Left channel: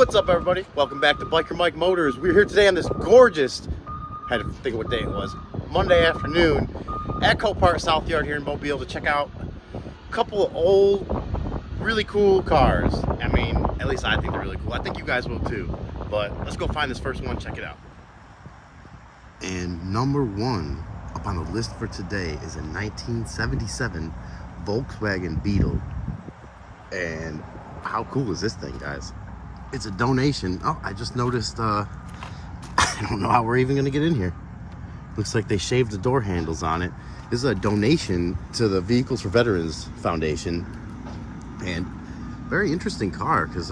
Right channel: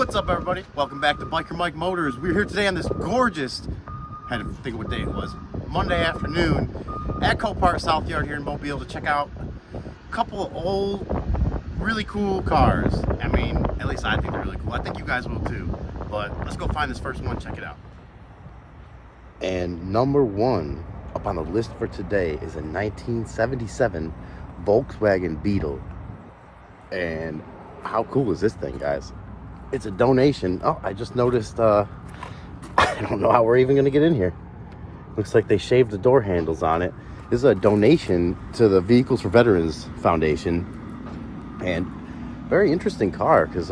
What's up, everybody? Welcome back to Biker Mike Motors. We're here today on this gorgeous, had to think of what day it was, Monday afternoon at Copart South Yard here in Mobile to check out a couple of old, really cool cars. I mean, at least I think they're really cool. I think you guys will too. But let's go find this first one, check it out. And number one up on the list for today is a 1977 Volkswagen Beetle. And how cool is this thing, guys? It's a donation. Oh, I just noticed, I don't know how we're even gonna get in here. Looks like they shaved the door handles on it. This is a donation to the Vehicles for Veterans Foundation. And very interesting car, because,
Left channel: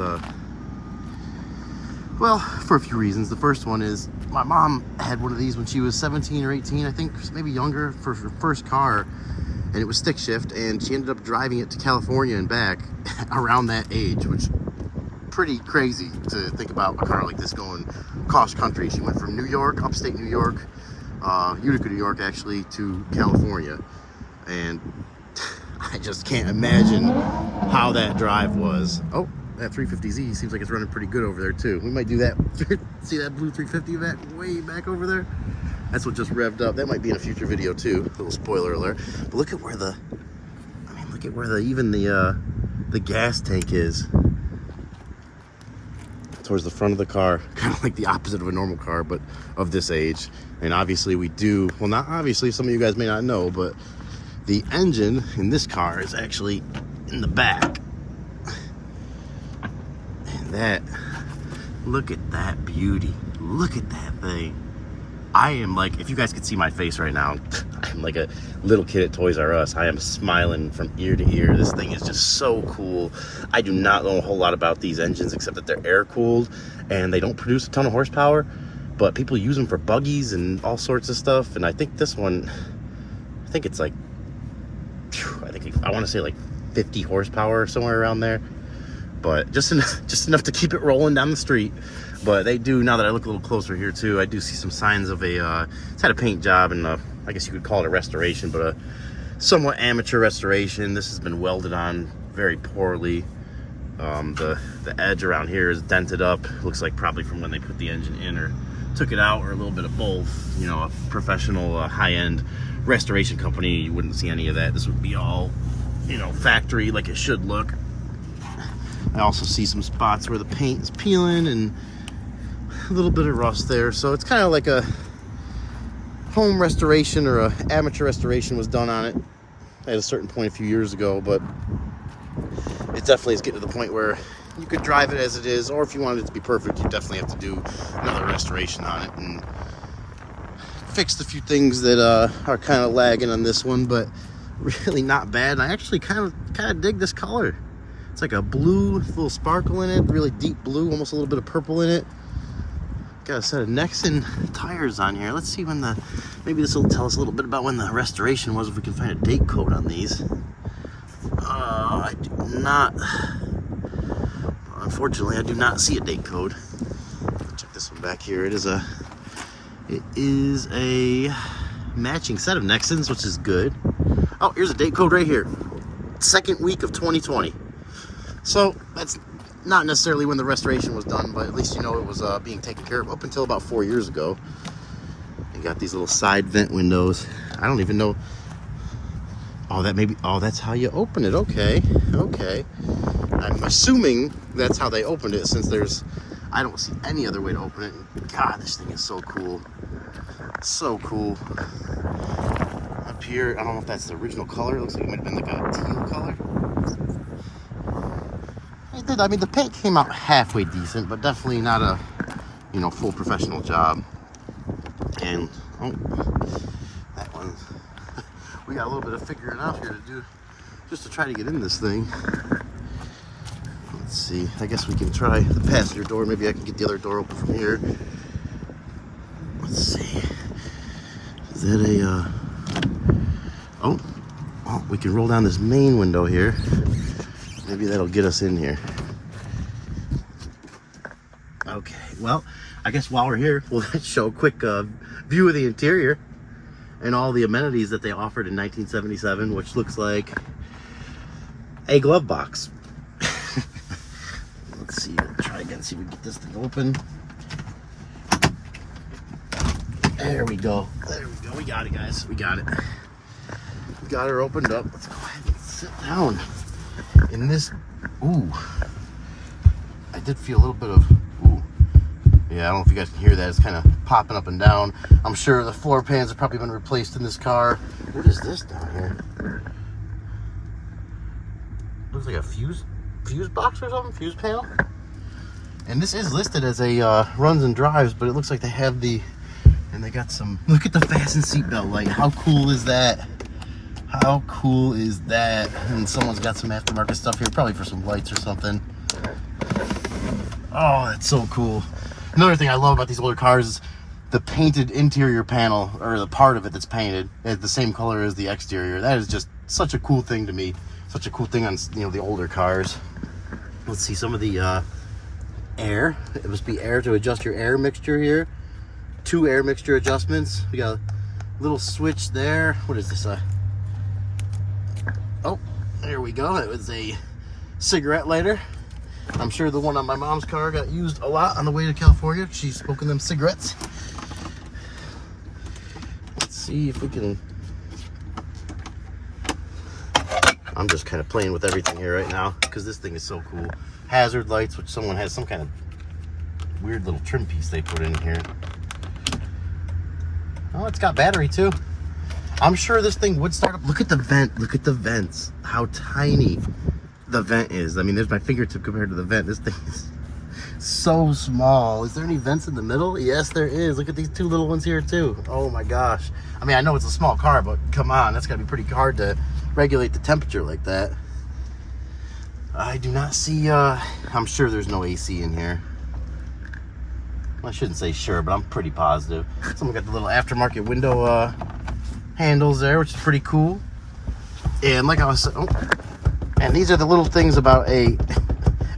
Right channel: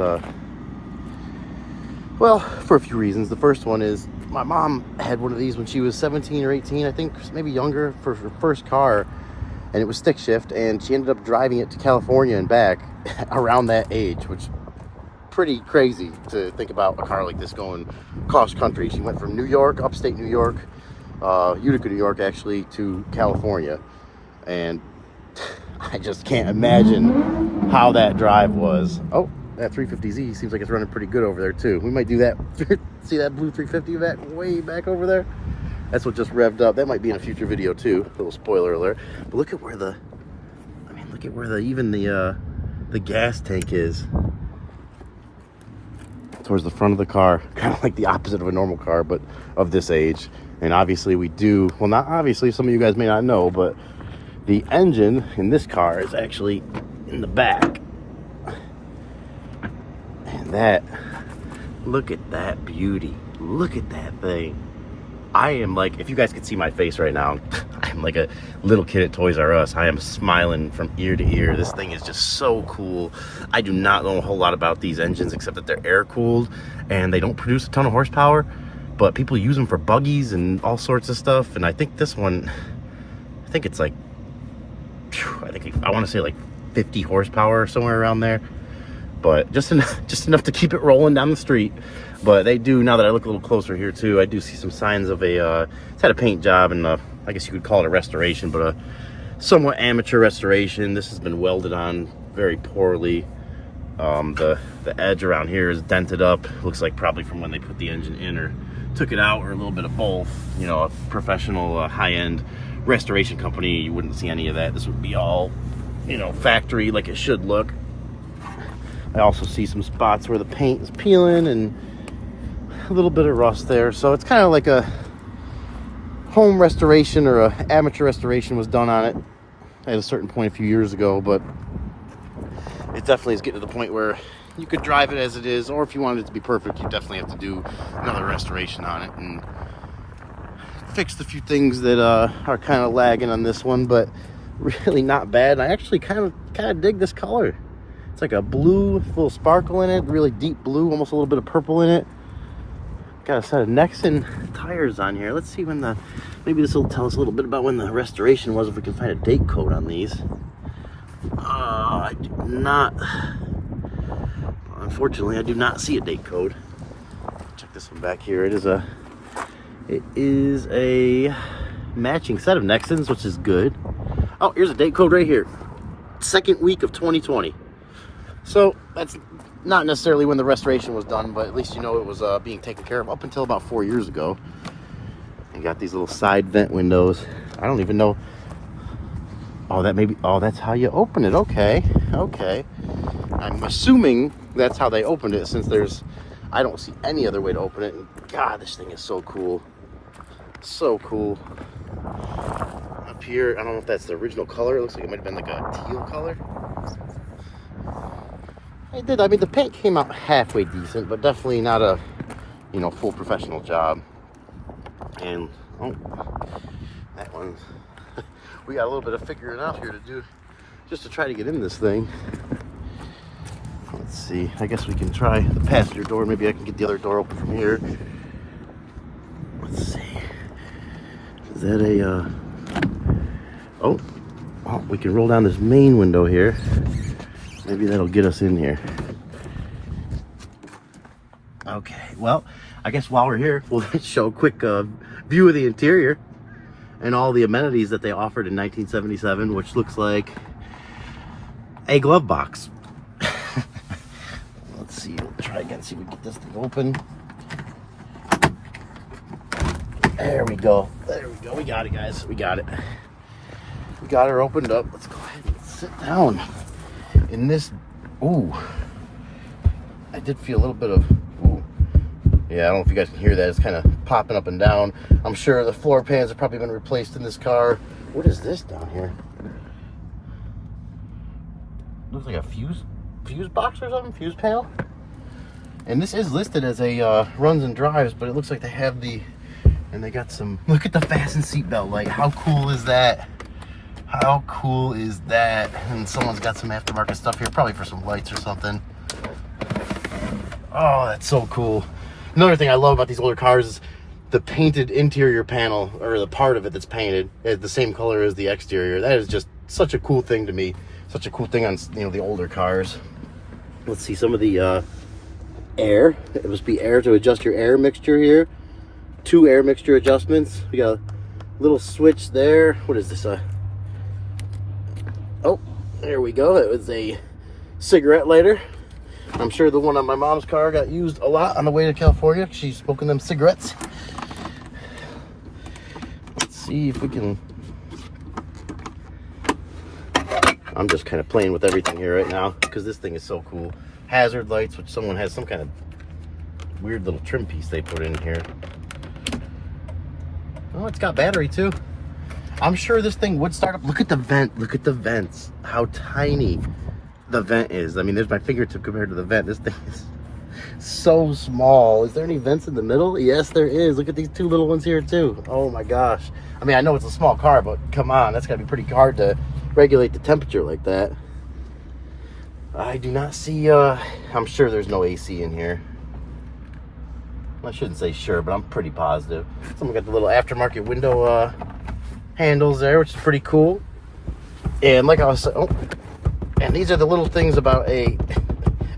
well, for a few reasons. The first one is my mom had one of these when she was 17 or 18, I think, maybe younger, for her first car. And it was stick shift, and she ended up driving it to California and back around that age, which pretty crazy to think about a car like this going cross country. She went from New York, upstate New York, Utica, New York, actually, to California. And I just can't imagine how that drive was. Oh, that 350Z seems like it's running pretty good over there too. We might do that. See that blue 350 back way back over there? That's what just revved up. That might be in a future video too. A little spoiler alert. But look at where the, I mean, look at where even the gas tank is. Towards the front of the car, kind of like the opposite of a normal car, but of this age. And obviously we do, well, not obviously, some of you guys may not know, but the engine in this car is actually in the back. And that, look at that beauty. Look at that thing. I am like, if you guys could see my face right now, I'm like a little kid at Toys R Us. I am smiling from ear to ear. This thing is just so cool. I do not know a whole lot about these engines except that they're air cooled and they don't produce a ton of horsepower, but people use them for buggies and all sorts of stuff. And I think this one, I think it's like, I want to say like 50 horsepower or somewhere around there, but just enough to keep it rolling down the street. But they do, now that I look a little closer here too, I do see some signs of it's had a paint job and I guess you could call it a restoration, but a somewhat amateur restoration. This has been welded on very poorly. The edge around here is dented up. Looks like probably from when they put the engine in or took it out, or a little bit of both. You know, a professional high-end restoration company, you wouldn't see any of that. This would be all, you know, factory like it should look. I also see some spots where the paint is peeling and a little bit of rust there. So it's kind of like a home restoration, or a amateur restoration was done on it at a certain point a few years ago, but it definitely is getting to the point where you could drive it as it is, or if you wanted it to be perfect, you definitely have to do another restoration on it and fix a few things that are kind of lagging on this one, but really not bad. And I actually kind of dig this color. It's like a blue with a little sparkle in it, really deep blue, almost a little bit of purple in it. Got a set of Nexen tires on here. Let's see when maybe this will tell us a little bit about when the restoration was, if we can find a date code on these. I do not, unfortunately, I do not see a date code. Take this one back here. It is a matching set of Nexens, which is good. Oh, here's a date code right here. Second week of 2020. So that's not necessarily when the restoration was done, but at least you know it was being taken care of up until about 4 years ago. You got these little side vent windows. I don't even know. Oh, that's how you open it. Okay. I'm assuming that's how they opened it, since I don't see any other way to open it. And God, this thing is so cool. So cool. Up here, I don't know if that's the original color. It looks like it might have been like a teal color. It did. I mean, the paint came out halfway decent, but definitely not a, you know, full professional job. And oh, that one, we got a little bit of figuring out here to do, just to try to get in this thing. Let's see. I guess we can try the passenger door. Maybe I can get the other door open from here. Let's see. Is that a? Oh, we can roll down this main window here. Maybe that'll get us in here. Okay, well, I guess while we're here, we'll show a quick view of the interior and all the amenities that they offered in 1977, which looks like a glove box. Let's see here. Try again, see if we can get this thing open. There we go. There we go. We got it, guys. We got it. We got her opened up. Let's go ahead and sit down in this. Ooh. I did feel a little bit of. Ooh. Yeah, I don't know if you guys can hear that. It's kind of popping up and down. I'm sure the floor pans have probably been replaced in this car. What is this down here? Looks like a fuse box or something. Fuse panel. And this is listed as a runs and drives, but it looks like they have the. And they got some, look at the fasten seatbelt light. How cool is that? How cool is that? And someone's got some aftermarket stuff here, probably for some lights or something. Oh, that's so cool. Another thing I love about these older cars is the painted interior panel, or the part of it that's painted, is the same color as the exterior. That is just such a cool thing to me. Such a cool thing on, you know, the older cars. Let's see some of the air. It must be air to adjust your air mixture here. 2 air mixture adjustments. We got a little switch there. What is this? Oh, there we go. It was a cigarette lighter. I'm sure the one on my mom's car got used a lot on the way to California. She's smoking them cigarettes. Let's see if we can. I'm just kind of playing with everything here right now because this thing is so cool. Hazard lights, which someone has some kind of weird little trim piece they put in here. Oh, it's got battery too. I'm sure this thing would start up. Look at the vent. Look at the vents. How tiny the vent is. I mean, there's my fingertip compared to the vent. This thing is so small. Is there any vents in the middle? Yes, there is. Look at these 2 little ones here too. Oh my gosh. I mean, I know it's a small car, but come on. That's gotta be pretty hard to regulate the temperature like that. I do not see, I'm sure there's no AC in here. Well, I shouldn't say sure, but I'm pretty positive. Someone got the little aftermarket window handles there, which is pretty cool. And like I was saying, oh, and these are the little things about a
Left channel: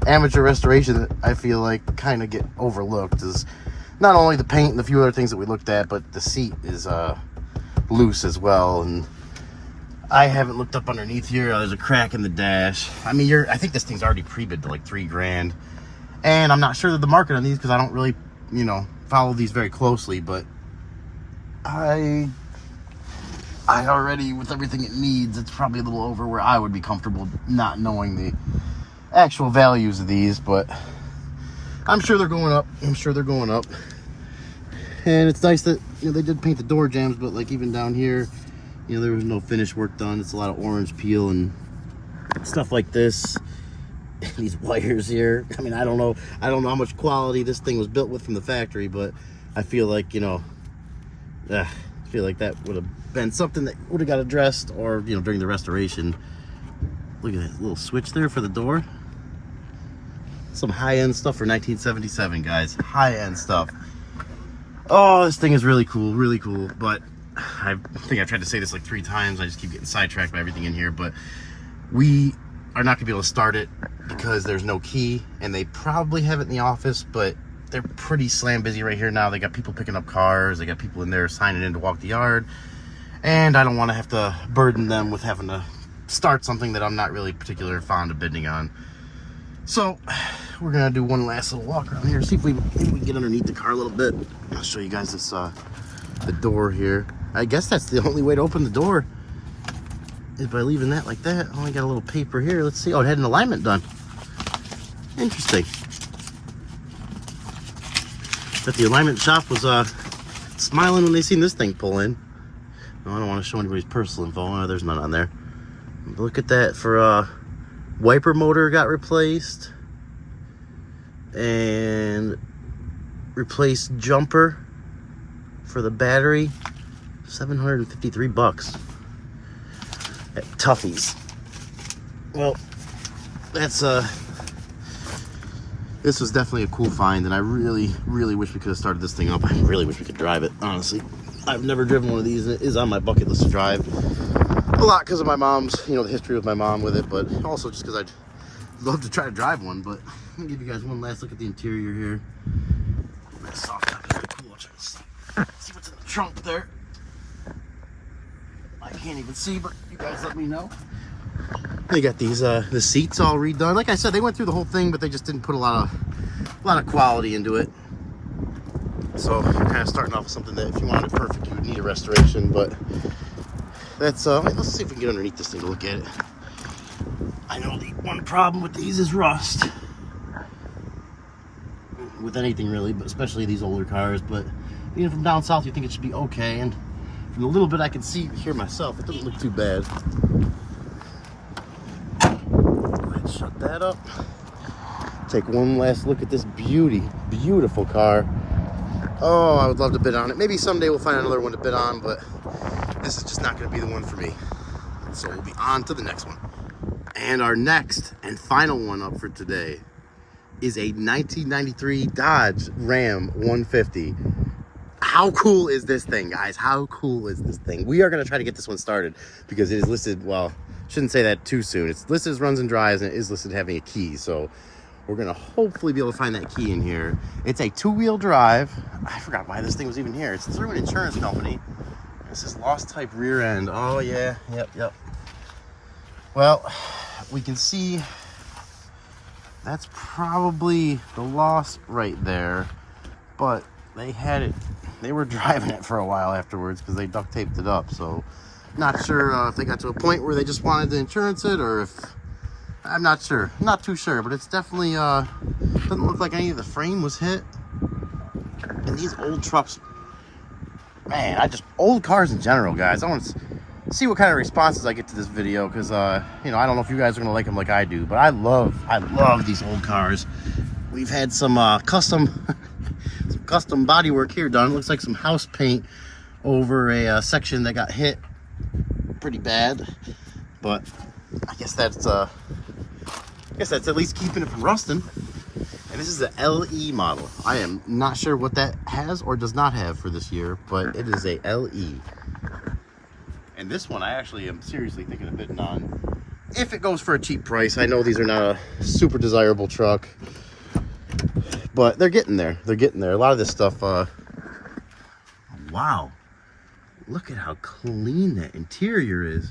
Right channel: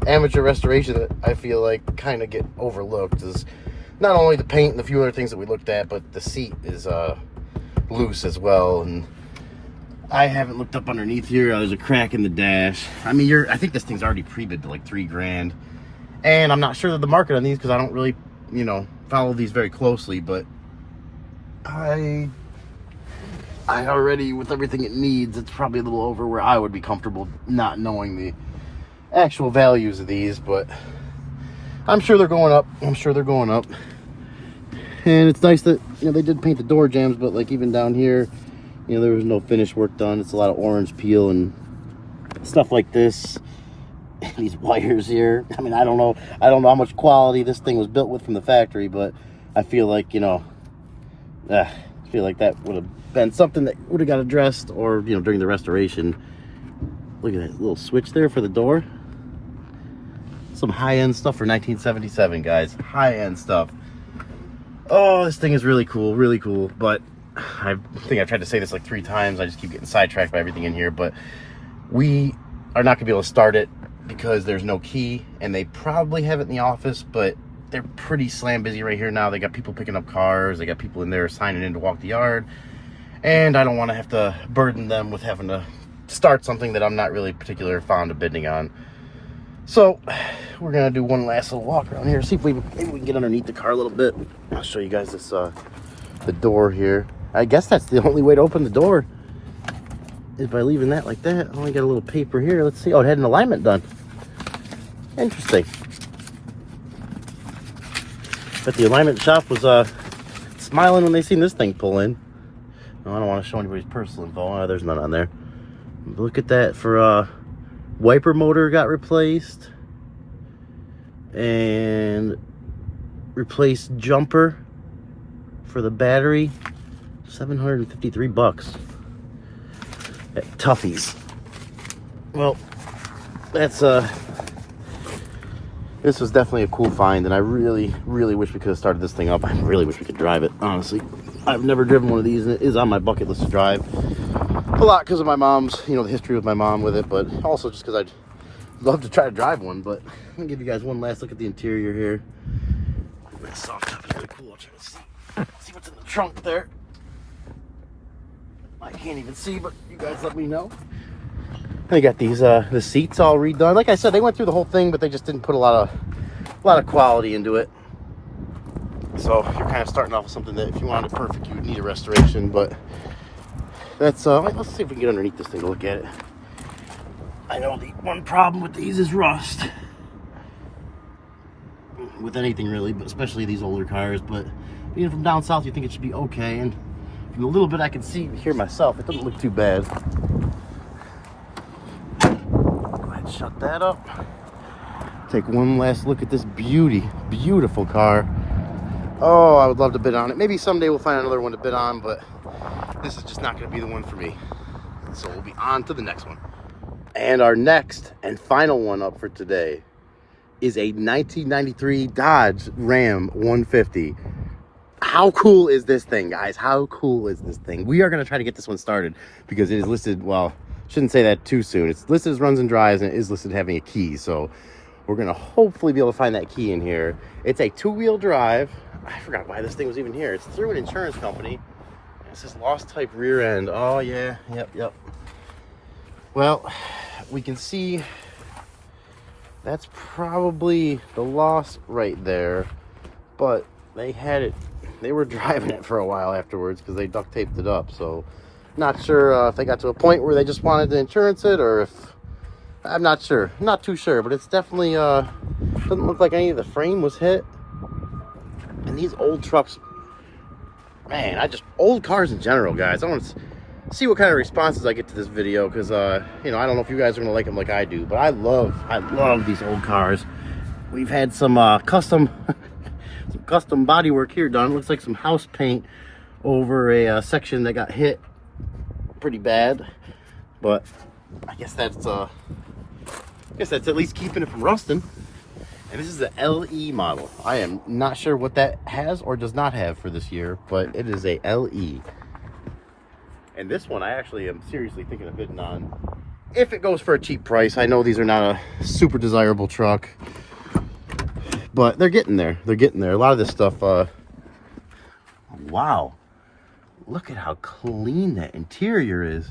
amateur restoration that I feel like kind of get overlooked. Is not only the paint and the few other things that we looked at, but the seat is loose as well. And I haven't looked up underneath here. There's a crack in the dash. I mean, I think this thing's already pre-bid to like $3 grand. And I'm not sure of the market on these because I don't really, you know, follow these very closely, but I already, with everything it needs, it's probably a little over where I would be comfortable not knowing the actual values of these, but I'm sure they're going up. I'm sure they're going up. And it's nice that, you know, they did paint the door jambs, but like even down here, you know, there was no finish work done. It's a lot of orange peel and stuff like this. These wires here. I mean, I don't know how much quality this thing was built with from the factory, but I feel like, you know, I feel like that would have been something that would have got addressed, or, you know, during the restoration. Look at that little switch there for the door. Some high-end stuff for 1977, guys. High-end stuff. Oh, this thing is really cool, but I think I've tried to say this like 3 times. I just keep getting sidetracked by everything in here, but we are not gonna be able to start it because there's no key, and they probably have it in the office, but they're pretty slam busy right here now. They got people picking up cars, they got people in there signing in to walk the yard, and I don't want to have to burden them with having to start something that I'm not really particularly fond of bidding on. So we're gonna do one last little walk around here, see if maybe we can get underneath the car a little bit. I'll show you guys this the door here. I guess that's the only way to open the door, is by leaving that like that. I only got a little paper here. Let's see. Oh, it had an alignment done. Interesting. But the alignment shop was smiling when they seen this thing pull in. Oh, I don't want to show anybody's personal info. There's none on there. Look at that. For wiper motor got replaced, and replaced jumper for the battery. $753 at Tuffy's. Well, that's this was definitely a cool find, and I really wish we could have started this thing up. I really wish we could drive it, honestly. I've never driven one of these, and it is on my bucket list to drive. A lot because of my mom's, you know, the history with my mom with it, but also just because I'd love to try to drive one. But I'm gonna give you guys one last look at the interior here. That soft top is really cool. I'll try to see what's in the trunk there. I can't even see, but you guys let me know. They got these the seats all redone. Like I said, they went through the whole thing, but they just didn't put a lot of a lot of quality into it. So we're kind of starting off with something that if you wanted it perfect, you would need a restoration. But that's let's see if we can get underneath this thing to look at it. I know the one problem with these is rust. With anything really, but especially these older cars. But being from down south, you think it should be okay. And from the little bit I can see here myself, it doesn't look too bad. Go ahead and shut that up. Take one last look at this beautiful car. Oh, I would love to bid on it. Maybe someday we'll find another one to bid on, but this is just not going to be the one for me. So we'll be on to the next one. And our next and final one up for today is a 1993 Dodge Ram 150. How cool is this thing, guys? How cool is this thing? We are going to try to get this one started because it is listed, well, shouldn't say that too soon. It's listed as runs and drives, and it is listed having a key. So we're going to hopefully be able to find that key in here. It's a two-wheel drive. I forgot why this thing was even here. It's through an insurance company. It says lost type rear end. Oh, yeah. Yep. Well, we can see that's probably the loss right there. But they had it. They were driving it for a while afterwards because they duct taped it up. So not sure if they got to a point where they just wanted to insurance it or if... I'm not sure. I'm not too sure, but it's definitely doesn't look like any of the frame was hit. And these old trucks, man, old cars in general, guys. I want to see what kind of responses I get to this video because you know, I don't know if you guys are gonna like them like I do, but I love these old cars. We've had some custom body work here done. It looks like some house paint over a section that got hit pretty bad, but I guess that's at least keeping it from rusting. And this is the LE model. I am not sure what that has or does not have for this year, but it is a LE. And this one I actually am seriously thinking of bidding on if it goes for a cheap price. I know these are not a super desirable truck, but they're getting there. They're getting there. A lot of this stuff, wow. Look at how clean that interior is.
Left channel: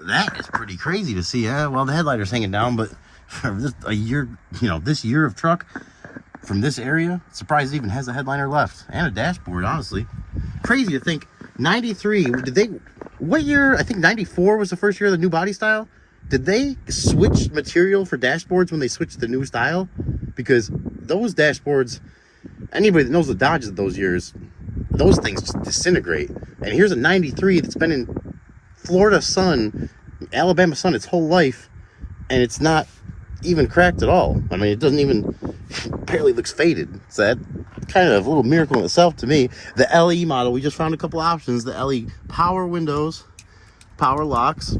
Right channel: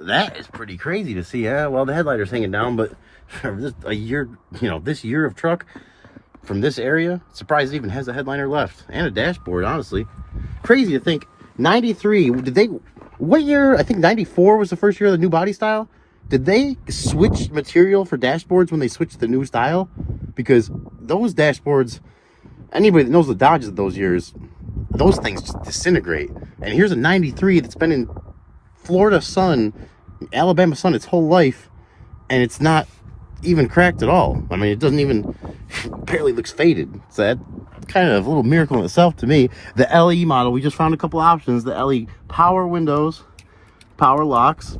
That is pretty crazy to see. Well, the headlighter's hanging down, but for just a year, you know, this year of truck from this area, surprised it even has a headliner left and a dashboard, honestly. Crazy to think. 93, what year? I think 94 was the first year of the new body style. Did they switch material for dashboards when they switched the new style? Because those dashboards, anybody that knows the Dodges of those years, those things just disintegrate. And here's a 93 that's been in Florida sun, Alabama sun its whole life, and it's not even cracked at all. I mean, it doesn't even, barely looks faded. So that kind of a little miracle in itself to me. The LE model, we just found a couple options. The LE power windows, power locks.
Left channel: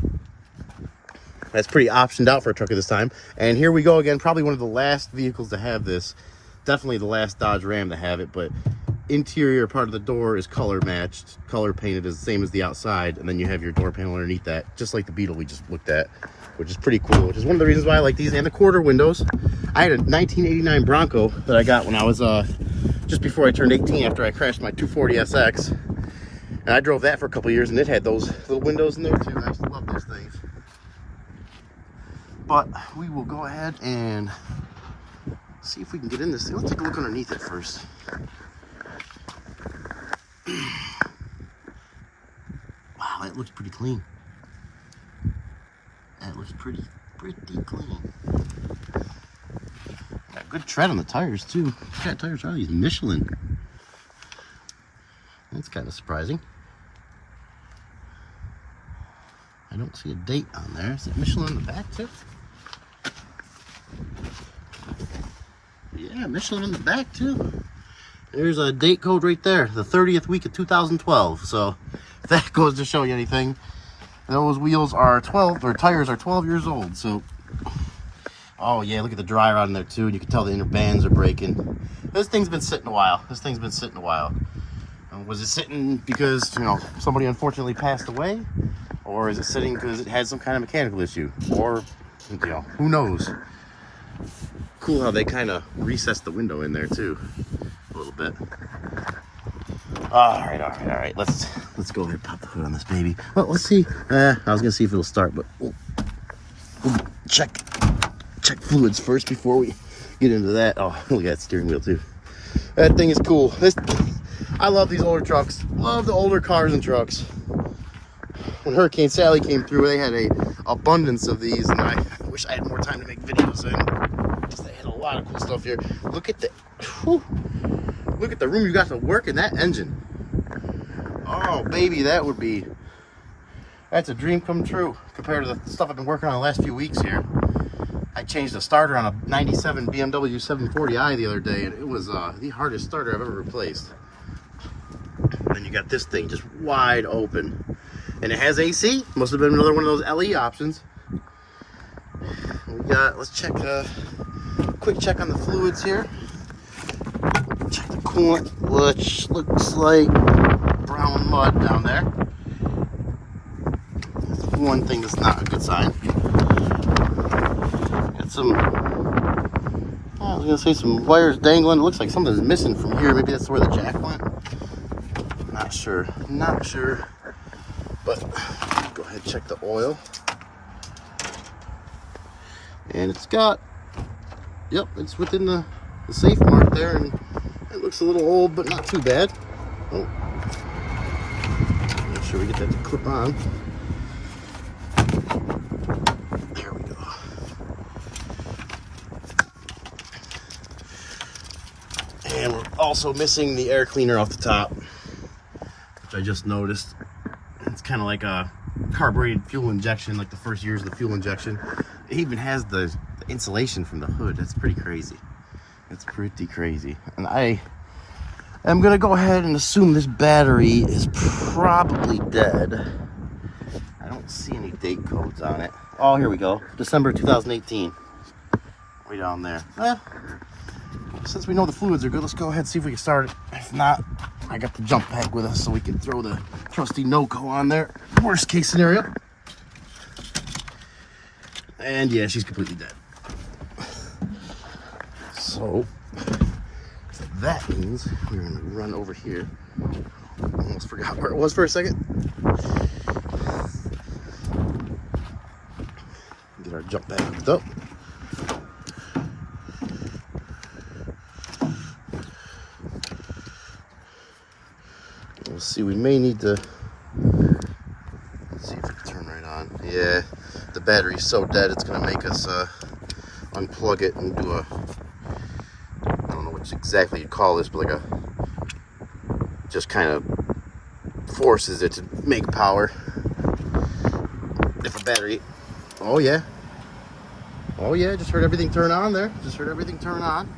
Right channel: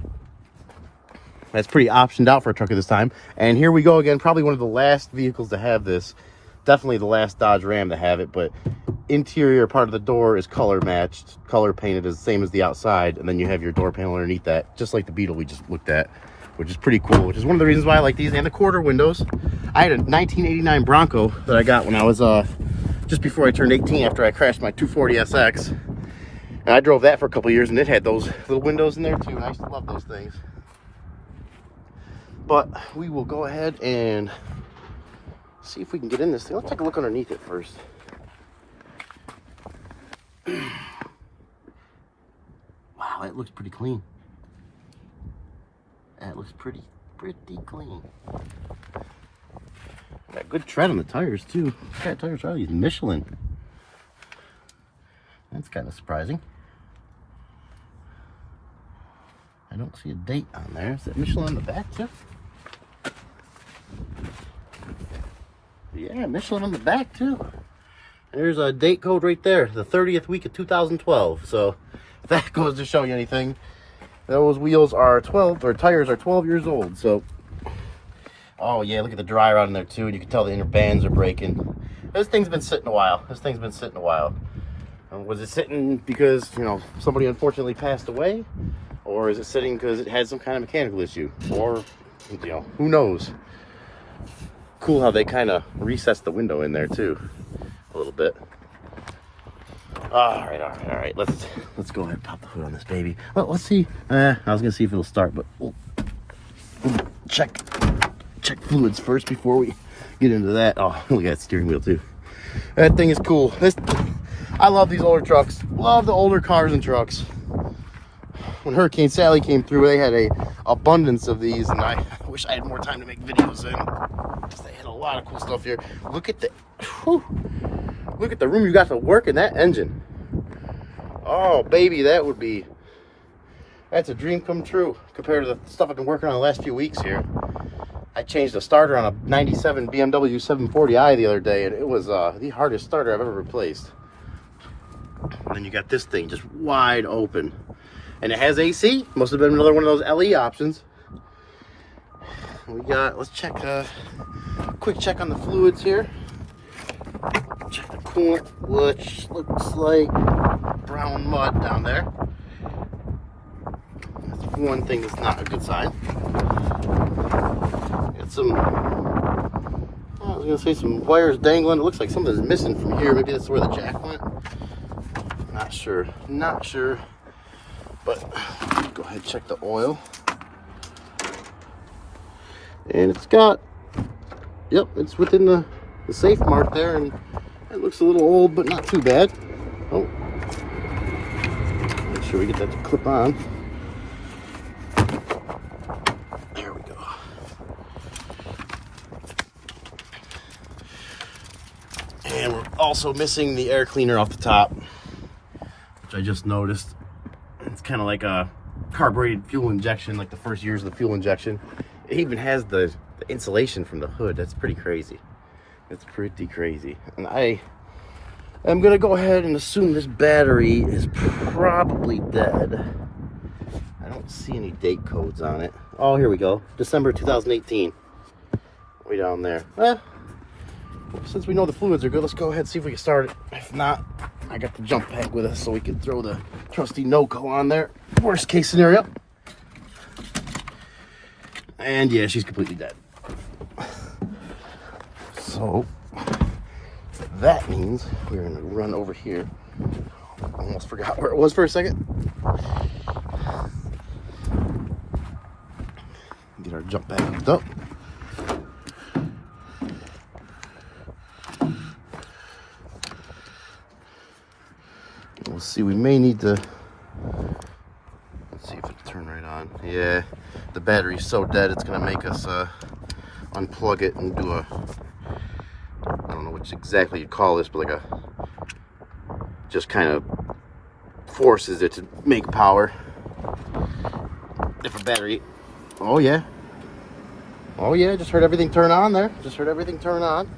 That's pretty optioned out for a truck at this time. And here we go again, probably one of the last vehicles to have this. Definitely the last Dodge Ram to have it, but interior part of the door is color matched, color painted as the same as the outside, and then you have your door panel underneath that, just like the Beetle we just looked at, which is pretty cool, which is one of the reasons why I like these. And the quarter windows. I had a 1989 Bronco that I got when I was just before I turned 18 after I crashed my 240SX, and I drove that for a couple years, and it had those little windows in there too, and I used to love those things. But we will go ahead and see if we can get in this thing. Let's take a look underneath it first. Wow, it looks pretty clean. That looks pretty clean. Got good tread on the tires too. What kind of tires are these? Michelin. That's kind of surprising. I don't see a date on there. Is that Michelin on the back too? Yeah, Michelin on the back too. There's a date code right there, the 30th week of 2012. So if that goes to show you anything, those wheels are 12, or tires are 12 years old. So, oh yeah, look at the dry rot in there too. You can tell the inner bands are breaking. This thing's been sitting a while. Was it sitting because, you know, somebody unfortunately passed away? Or is it sitting because it had some kind of mechanical issue? Or, you know, who knows? Cool how they kind of recessed the window in there too, a little bit. All right. Let's go ahead and pop the hood on this baby. Well, let's see. I was gonna see if it'll start, but we'll check fluids first before we get into that. Oh, look at that steering wheel too. That thing is cool. I love these older trucks. Love the older cars and trucks. When Hurricane Sally came through, they had a abundance of these, and I wish I had more time to make videos. And they had a lot of cool stuff here. Look at the, whew, look at the room you got to work in that engine. Oh baby, that's a dream come true compared to the stuff I've been working on the last few weeks here. I changed the starter on a 97 BMW 740i the other day, and it was the hardest starter I've ever replaced. And you got this thing just wide open. And it has AC. Must have been another one of those LE options. We got, let's check quick check on the fluids here. Check the coolant, which looks like brown mud down there. That's one thing that's not a good sign. Got some, I was gonna say some wires dangling. It looks like something's missing from here. Maybe that's where the jack went. Not sure. But go ahead and check the oil. And it's got, yep, it's within the safe mark there, and it looks a little old, but not too bad. Oh, make sure we get that to clip on. There we go. And we're also missing the air cleaner off the top, which I just noticed. It's kind of like a carbureted fuel injection, like the first years of the fuel injection. It even has the insulation from the hood. That's pretty crazy. It's pretty crazy. And I am going to go ahead and assume this battery is probably dead. I don't see any date codes on it. Oh, here we go. December 2018. Way down there. Since we know the fluids are good, let's go ahead and see if we can start it. If not, I got the jump pack with us so we can throw the trusty NOCO on there. Worst case scenario. And yeah, she's completely dead. So that means we're gonna run over here. Almost forgot where it was for a second. Get our jump pack up. We'll see, we may need to, let's see if it can turn right on. Yeah, the battery's so dead it's gonna make us unplug it and do a, I don't know what exactly you'd call this, but like a, just kind of forces it to make power. If a battery, oh yeah, just heard everything turn on there. Just heard everything turn on.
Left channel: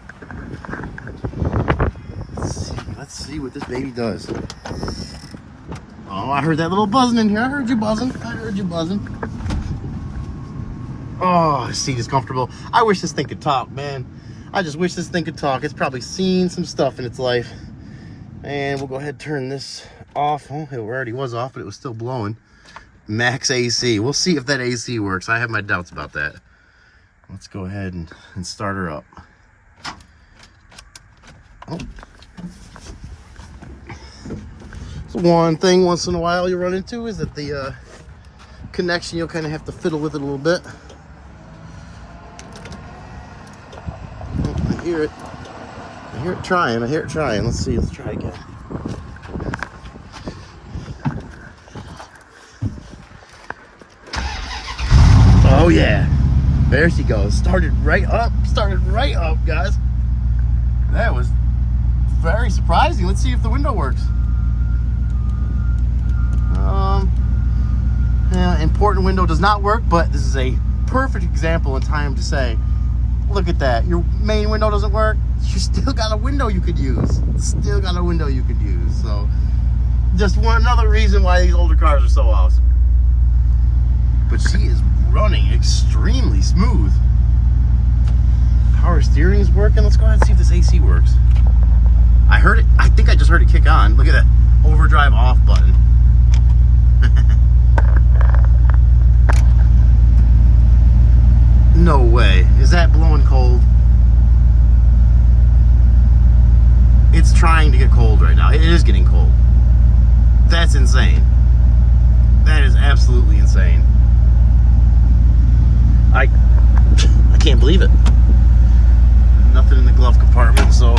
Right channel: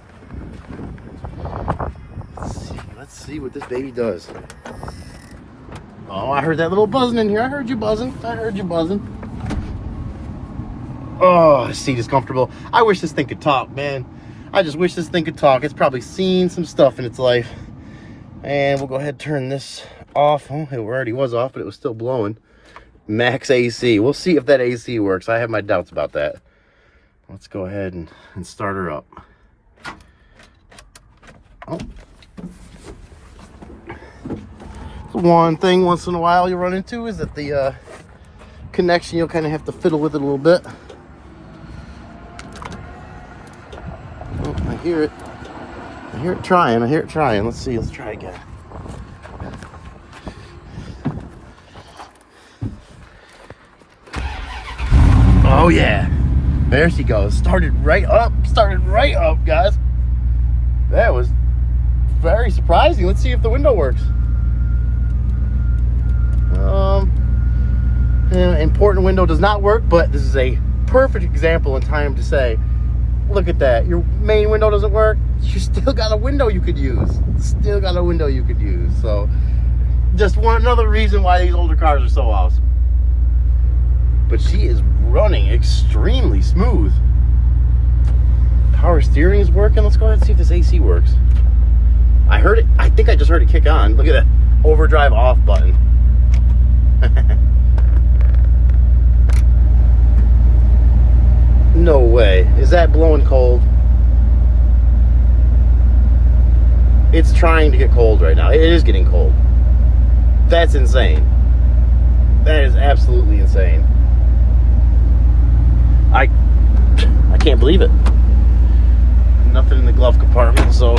Let's see what this baby does. Oh, I heard that little buzzing in here. I heard you buzzing. Oh, the seat is comfortable. I wish this thing could talk, man. I just wish this thing could talk. It's probably seen some stuff in its life. And we'll go ahead and turn this off. Oh, it already was off, but it was still blowing. Max AC. We'll see if that AC works. I have my doubts about that. Let's go ahead and start her up. Oh. So one thing once in a while you run into is that the connection, you'll kind of have to fiddle with it a little bit. Oh, I hear it trying. Let's see, let's try again. Oh yeah, there she goes. Started right up, guys. That was very surprising. Let's see if the window works. Yeah, important window does not work, but this is a perfect example in time to say, look at that. Your main window doesn't work. You still got a window you could use. So just another reason why these older cars are so awesome. But she is running extremely smooth. Power steering is working. Let's go ahead and see if this AC works. I heard it. I think I just heard it kick on. Look at that overdrive off button. No way. Is that blowing cold? It's trying to get cold right now. It is getting cold. That's insane. That is absolutely insane. I can't believe it. glove compartment, so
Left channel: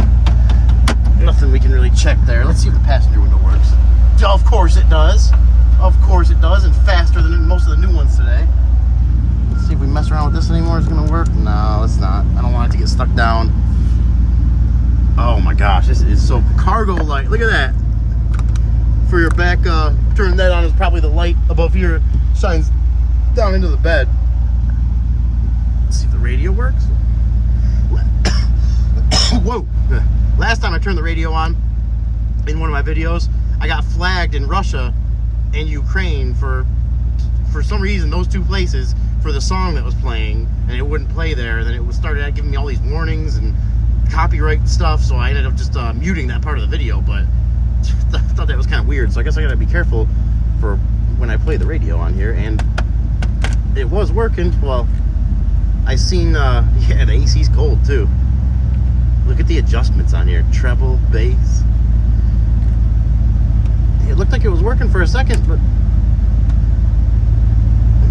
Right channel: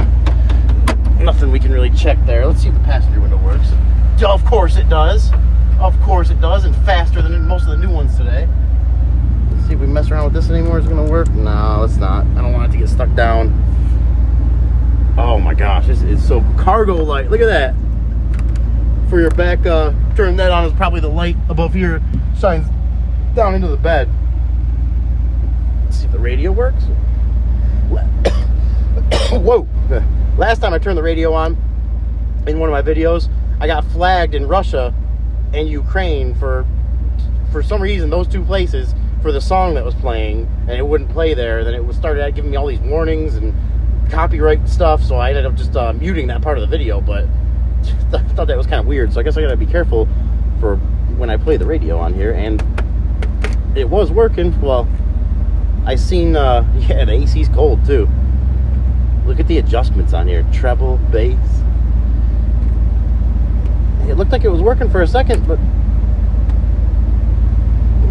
nothing we can really check there. Let's see if the passenger window works. Of course it does. Of course it does, and faster than most of the new ones today. Let's see if we mess around with this anymore. Is it gonna work? No, it's not. I don't want it to get stuck down. Oh my gosh, this is so cargo light. Look at that. For your back, turn that on is probably the light above here shines down into the bed. Let's see if the radio works. Whoa. Last time I turned the radio on in one of my videos, I got flagged in Russia and Ukraine for some reason, those two places, for the song that was playing, and it wouldn't play there. Then it started giving me all these warnings and copyright stuff, so I ended up just muting that part of the video. But I thought that was kind of weird, so I guess I gotta be careful for when I play the radio on here. And it was working. Well, I seen yeah, the AC's cold too. Look at the adjustments on here. Treble, bass. It looked like it was working for a second, but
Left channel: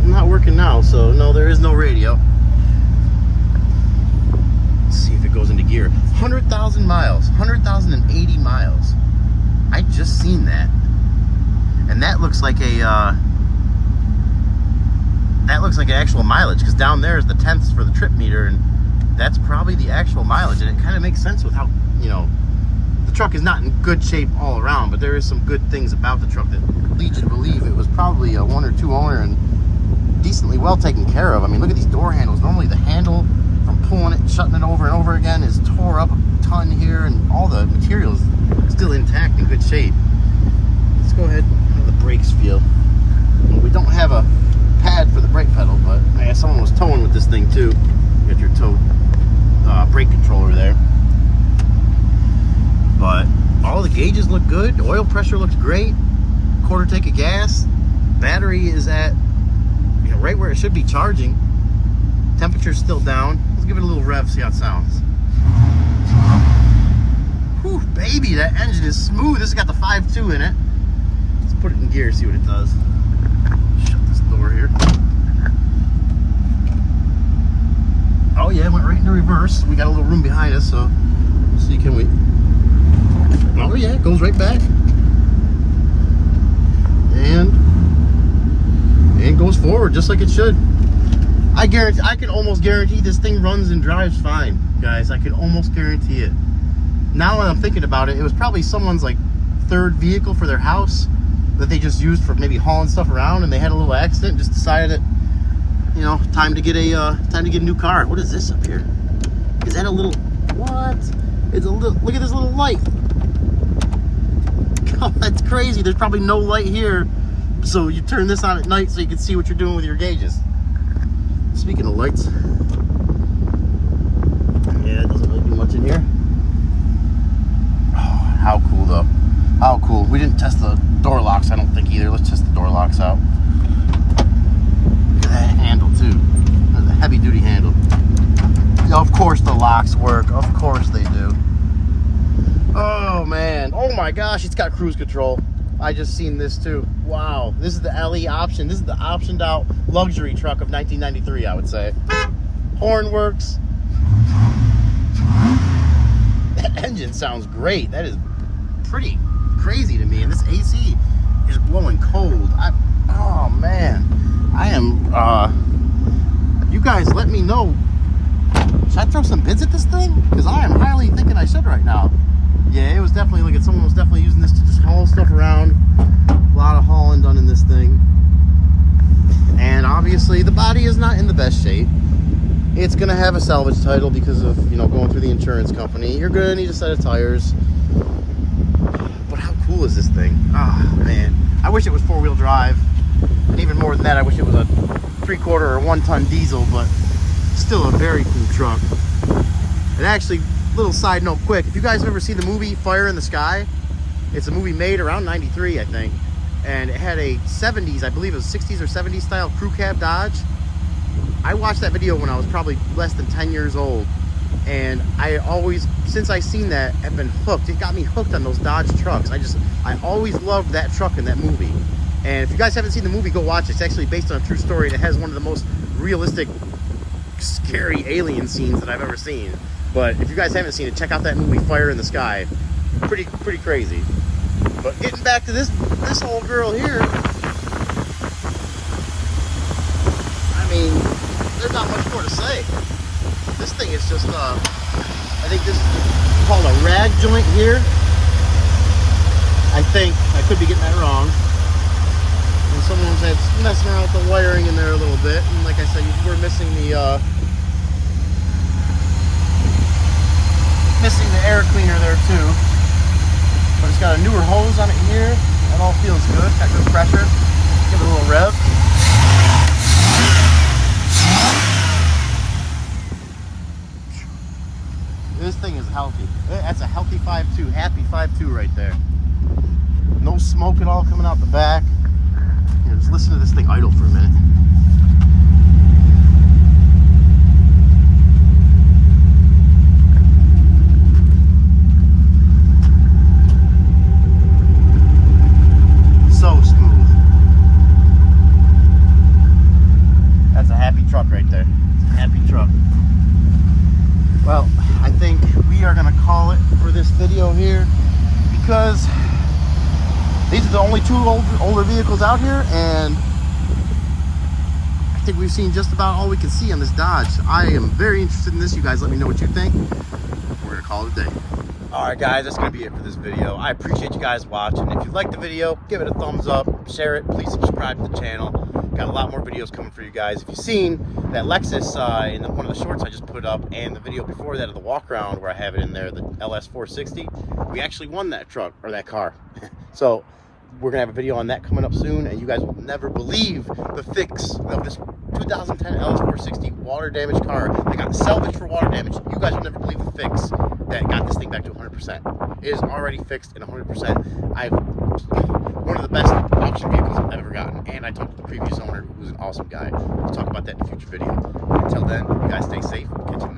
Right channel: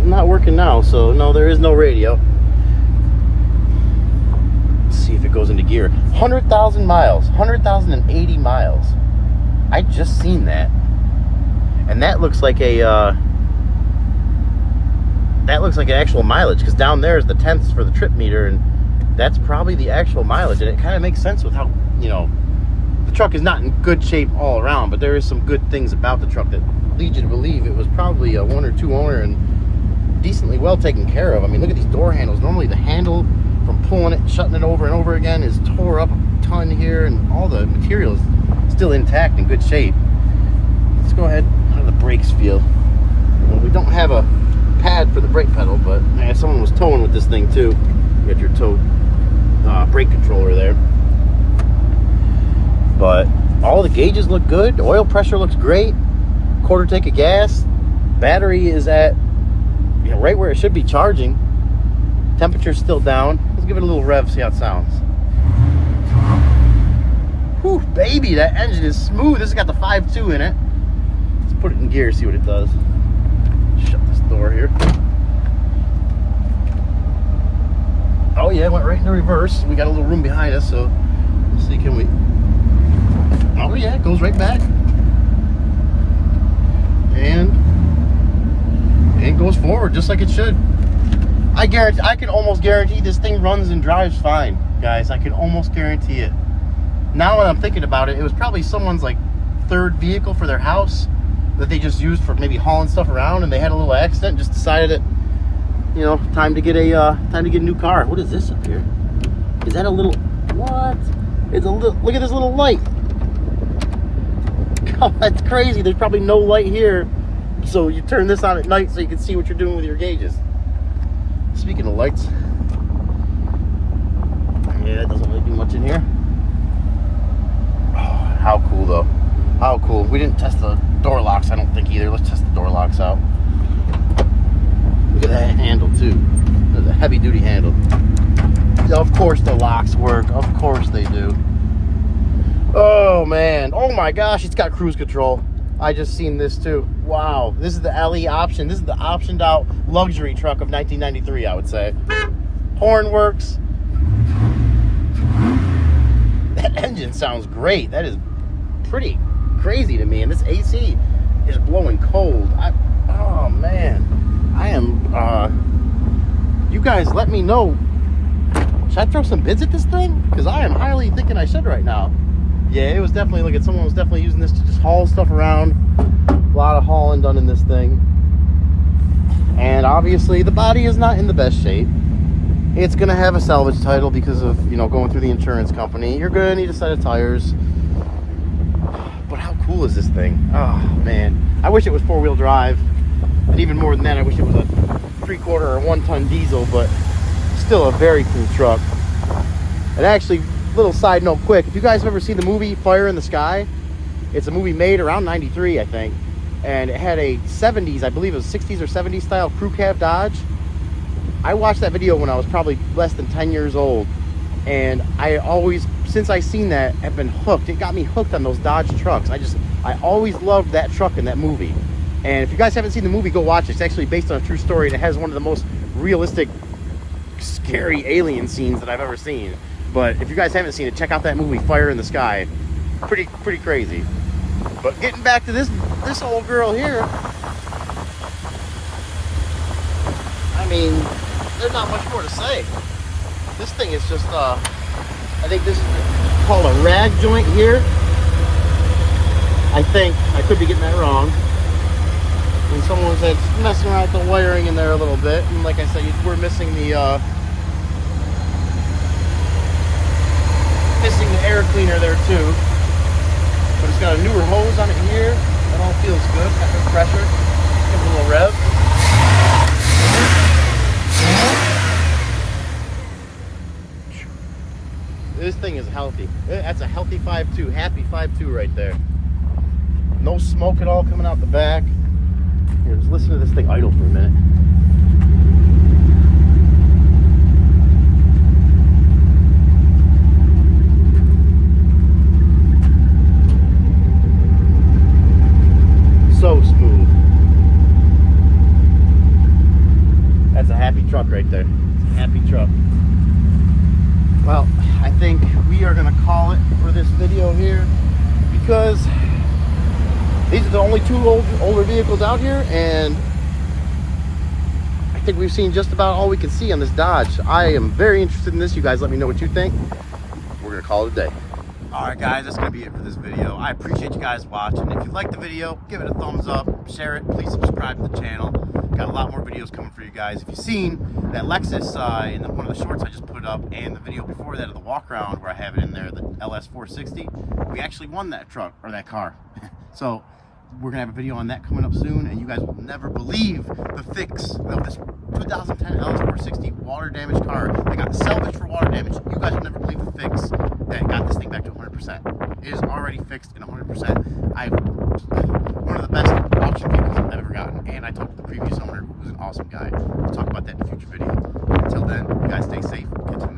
not working now. So no, there is no radio. Let's see if it goes into gear. 100,000 miles. 100,080 miles. I just seen that. And that looks like a that looks like an actual mileage, because down there is the tenths for the trip meter, and that's probably the actual mileage. And it kind of makes sense with how, you know, the truck is not in good shape all around, but there is some good things about the truck that lead you to believe it was probably a 1 or 2 owner and decently well taken care of. I mean, look at these door handles. Normally the handle from pulling it and shutting it over and over again is tore up a ton here, and all the material is still intact in good shape. Let's go ahead. How do the brakes feel? Well, we don't have a pad for the brake pedal, but man, someone was towing with this thing too. You got your tow brake controller there. But all the gauges look good. The oil pressure looks great. Quarter tank of gas. Battery is at, you know, right where it should be charging. Temperature's still down. Let's give it a little rev, see how it sounds. Whew, baby, that engine is smooth. This has got the 5.2 in it. Let's put it in gear, see what it does. Shut this door here. Oh yeah, it went right into reverse. We got a little room behind us, so let's see, can we... Oh yeah, it goes right back. And goes forward just like it should. I can almost guarantee this thing runs and drives fine, guys. I can almost guarantee it. Now that I'm thinking about it, it was probably someone's like third vehicle for their house that they just used for maybe hauling stuff around, and they had a little accident, just decided that, you know, time to get a new car. What is this up here? Is that a little, what? It's a little, look at this little light. God, that's crazy. There's probably no light here. So you turn this on at night so you can see what you're doing with your gauges. Speaking of lights, yeah, it doesn't really do much in here. Oh, how cool though. How cool. We didn't test the door locks, I don't think, either. Let's test the door locks out. Look at that handle too. There's a heavy duty handle. Of course the locks work. Of course they do. Oh man. Oh my gosh, it's got cruise control. I just seen this too. Wow. This is the LE option. This is the optioned out luxury truck of 1993, I would say. Horn works. That engine sounds great. That is pretty crazy to me. And this AC is blowing cold. Oh man. I am, you guys let me know. Should I throw some bids at this thing? Because I am highly thinking I should right now. Yeah, it was definitely, look at, someone was definitely using this to just haul stuff around. A lot of hauling done in this thing. And obviously the body is not in the best shape. It's gonna have a salvage title because of, you know, going through the insurance company. You're gonna need a set of tires. But how cool is this thing? Oh man, I wish it was 4-wheel drive. And even more than that, I wish it was a 3/4 or 1-ton diesel, but still a very cool truck. And actually, little side note quick, if you guys have ever seen the movie Fire in the Sky, it's a movie made around 93, I think. And it had a 70s, I believe it was 60s or 70s style crew cab Dodge. I watched that video when I was probably less than 10 years old. And I always, since I seen that, have been hooked. It got me hooked on those Dodge trucks. I always loved that truck in that movie. And if you guys haven't seen the movie, go watch it. It's actually based on a true story, and it has one of the most realistic, scary alien scenes that I've ever seen. But if you guys haven't seen it, check out that movie Fire in the Sky. Pretty crazy. But getting back to this old girl here, I mean, there's not much more to say. This thing is just I think this is called a rag joint here. I think I could be getting that wrong. And someone was messing around with the wiring in there a little bit, and like I said, we're missing the air cleaner there too. But it's got a newer hose on it here. That all feels good. Got good pressure. Give it a little rev. This thing is healthy. That's a healthy 5.2. Happy 5.2 right there. No smoke at all coming out the back. Here, just listen to this thing idle for a minute. So smooth. That's a happy truck right there. It's a happy truck. Well, I think we are going to call it for this video here because these are the only two older vehicles out here, and I think we've seen just about all we can see on this Dodge. I am very interested in this. You guys let me know what you think. We're going to call it a day. Alright guys, that's going to be it for this video. I appreciate you guys watching. If you liked the video, give it a thumbs up, share it, please subscribe to the channel. Got a lot more videos coming for you guys. If you've seen that Lexus in one of the shorts I just put up, and the video before that of the walk around where I have it in there, the LS 460, we actually won that truck, or that car. So we're gonna have a video on that coming up soon, and you guys will never believe the fix of this 2010 LS 460 water damage car that got salvaged for water damage. You guys will never believe the fix that got this thing back to 100%. It is already fixed and 100%. I've one of the best auction vehicles I've ever gotten, and I talked to the previous owner, who was an awesome guy. We'll talk about that in a future video. Until then, you guys stay safe. Catch you